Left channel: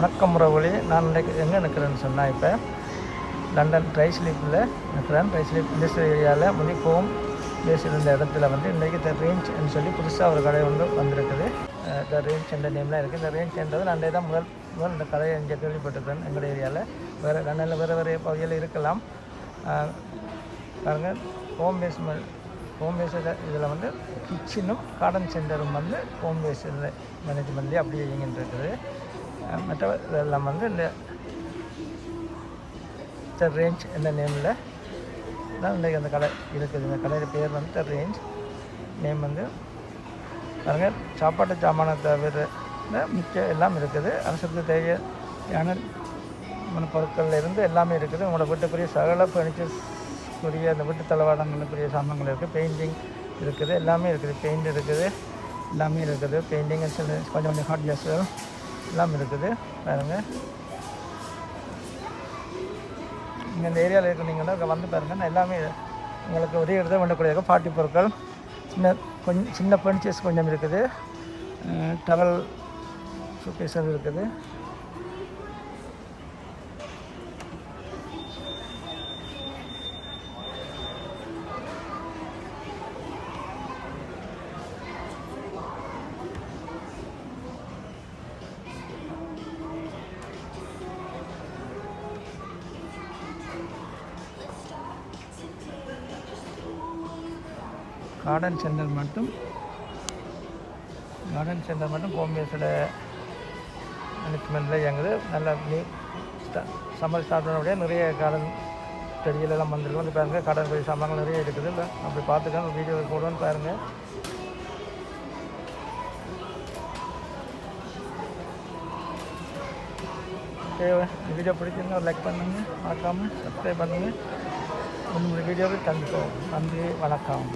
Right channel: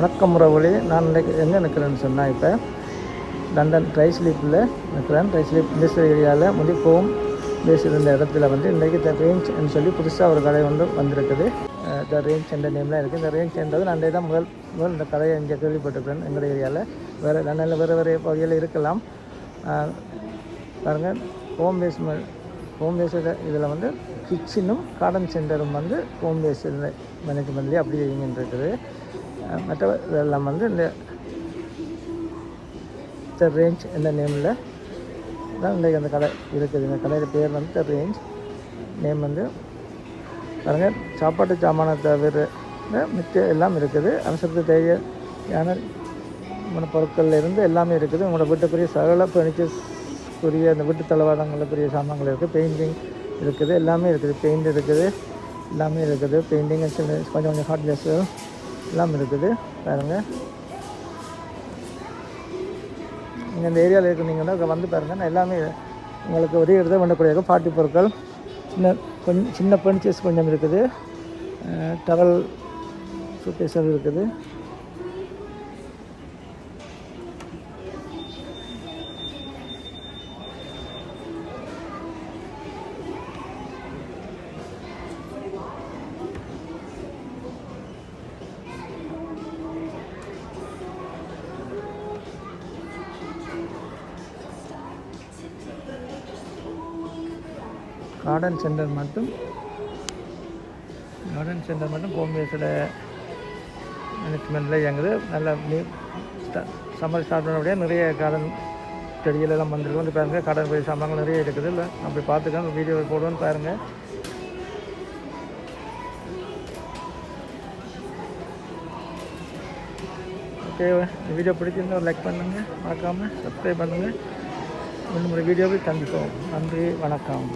வணக்கம் உறவுகளே, நான் இன்றைக்கு எங்கே நிற்கிறேன்னு சொன்னால் இப்போ லண்டன் ட்ரைஸ்லிப்பில் நிற்கிறேன். ட்ரைஸ்லிப் இண்டஸ்ட்ரியல் ஏரியாவில் முடிக்கவும் பேசியிருந்த இடத்துல இன்றைக்கு த ரேஞ்ச்னு சொல்லி புதுசாக ஒரு கடை வந்திருக்குது. த ரேஞ்ச் என்ற நேம் தான் இருக்குது. இந்த ரேஞ்ச் என்றது நான் தான் முதல் இந்த கடையை இங்கே கேள்விப்பட்டிருக்கேன். எங்கள் ஏரியாவில் வேறு லண்டனில் வேறு பகுதியில் இருக்கலாம். பாருங்கள், ஹோம் பேஸ் இதில் கிச்சனும் கார்டன் சென்டரும் ஹோம் பேஸ் மேனேஜ்மெண்ட்லேயே அப்படியே இயங்கின்றிருக்குது. மற்ற இதெல்லாம் இந்த ரேஞ்ச் என்ற நேமில் தான் இன்றைக்கு அந்த கடை இருக்குது. இந்த கடையோட பேர் த ரேஞ்ச் நேம் பாருங்கள். சாப்பாட்டு சாமான தவிர மிச்சம் எல்லாம் இருக்குது. அவசரத்துக்கு தேவையான பொருட்கள் இருந்து எல்லாமே இருக்குது. உங்களோட வீட்டுக்குரிய சகல ஃபர்னிச்சர்ஸ்க்குரிய அந்த வீட்டு தளவாடங்களுக்குரிய சாமான்கள் இருக்குது. பெயிண்டிங் இருக்குது, எல்லாமே இருக்குது. பெயிண்ட் இருக்குது, எல்லாமே இருக்குது. பெயிண்டிங் கொஞ்சம் ஹாட் கேஸ் எல்லாம் இருக்குது. பாருங்கள், நீங்கள் இந்த ஏரியாவில் இருக்கிறீங்கன்னா அங்கே பாருங்கள். நான் எல்லாமே உங்களுக்கு ஒரே இடத்துல வேண்டக்கூடிய பாட்டி பொருட்கள், கொஞ்சம் சின்ன ஃபர்னிச்சர்ஸ் கொஞ்சம் இருக்குது. டவல் சூட்கேஸ் இருக்குது. கார்டன் சென்டர் மட்டும் ஹோம் பேஸில் மேனேஜ்மெண்ட்டில் இயங்குது. நல்லா சம்மர் ஸ்டார்ட் பண்ணபடியே நிறைய கார்டன் செடிகளெல்லாம் வந்துருக்கு. பாருங்கள், கார்டன் போய் சாமான்கள் நிறைய இருக்குது. இல்லை அப்படி பார்த்துக்காங்க, வீடியோ போடுவேன்னு பாருங்கள். தேவை வீடியோ பிடிச்சிருந்தா லைக் பண்ணுங்கள், மறக்காமல் சப்ஸ்கிரைப் பண்ணுங்கள். இன்னொரு வீடியோவில் சந்திப்போம். நன்றி, வணக்கம்.